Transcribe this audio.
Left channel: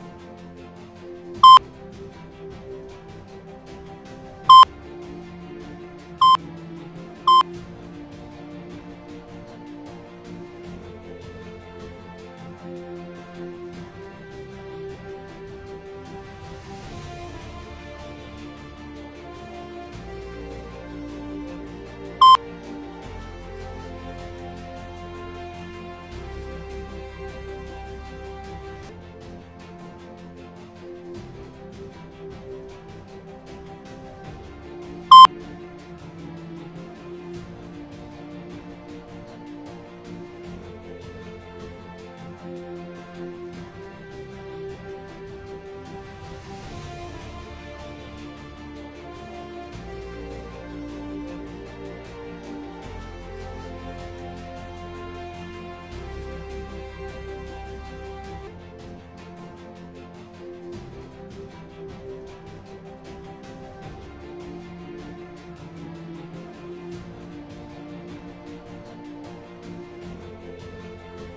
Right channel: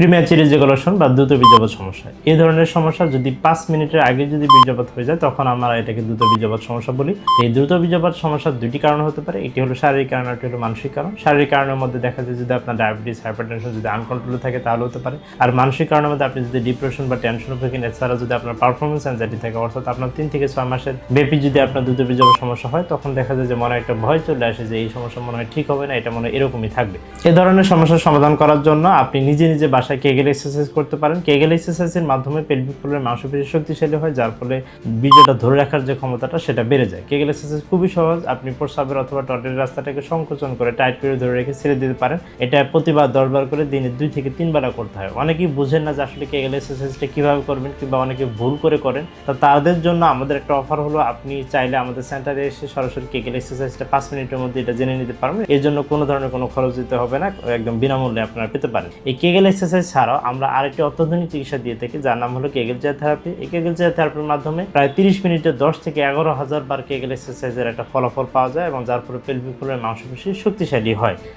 Premature ejaculation বা দ্রুত বীর্যপাত সমস্যা। এই ধরনের সমস্যা যদি 5 মিনিটের আগে যদি বীর্যপাত হয়ে যায় তখন আমরা এটাকে দ্রুত বীর্যপাত সমস্যা বলি। এই দ্রুত বীর্যপাত সমস্যার দুটি কারণ হতে পারে, একটি হলো শারীরিক কারণ, একটি হলো মানসিক কারণ। শারীরিক কারণের মধ্যে দেখা যায় যদি আপনার ডায়াবেটিস, হাইপারটেনশন যদি আনকন্ট্রোলে থাকে তাহলে হতে পারে। আর মানসিক কারণের মধ্যে আপনি যদি ডিপ্রেশন বা টেনশনে থাকেন, এছাড়া যদি আপনার পারফরমেন্স অ্যাংজাইটি থাকে, অর্থাৎ আপনার 3 থেকে 6 মাসের ব্যাপী যদি আপনার দ্রুত বীর্যপাত সমস্যা হয় তখন দেখা যায় যে মনে একটা ভয় চলে আসে যে এই সমস্যা মনে হয় ঠিক হবে না, এটা মনে হয় এরকমই থাকবে। এই ধরনের সমস্যার সমাধান করার জন্য আপনি নিজে নিজে বাসায় কেগেল এক্সারসাইজ করতে পারেন। কেগেল এক্সারসাইজের মাধ্যমে পেলভিক ফ্লোরের মাংসপেশি শক্তিশালী হয়, যার ফলে বীর্যটা ধরে রাখার যে ক্ষমতাটা সেটা বেড়ে যায়। কেগেল এক্সারসাইজ খুবই সহজ, আপনি প্রস্রাবের অথবা টয়লেটের রাস্তাটাকে সংকোচন করে টাইট করে ধরে রেখে ছেড়ে দিতে পারেন। এটা প্রতিবার 10 বার করে দিনে 2 থেকে 3 বার করতে হয়। অনেকেই বুঝেন না যে আসলে কেগেল এক্সারসাইজটা কীভাবে করবেন, কিংবা অনেকে ভুল করে করেন। তো তাদের জন্য আমাদের একটা অফার হলো, আপনি চাইলে আমাদের সেন্টারে এসে সরাসরি কেগেল এক্সারসাইজটা 5 মিনিটের মধ্যে এটা জেনে নিতে পারবেন। এর জন্য কোনো ধরনের কোনো খরচ দিতে হবে না, একদম বিনামূল্যে আপনারা পেতে পারেন। এই কেগেল এক্সারসাইজ ছাড়াও আমরা আরেকটি অত্যাধুনিক চিকিৎসা দিয়ে থাকি যার নাম হলো কেগেল চেয়ার থেরাপি। এই কেগেল চেয়ার থেরাপির মাধ্যমে প্রায় 30 মিনিটে 10 থেকে 11,000 বার কেগেল এক্সারসাইজের একটা ফলাফল পাওয়া যায়, এবং যার ফলে পেলভিক ফ্লোরের মাংসপেশি শক্তিশালী হয়।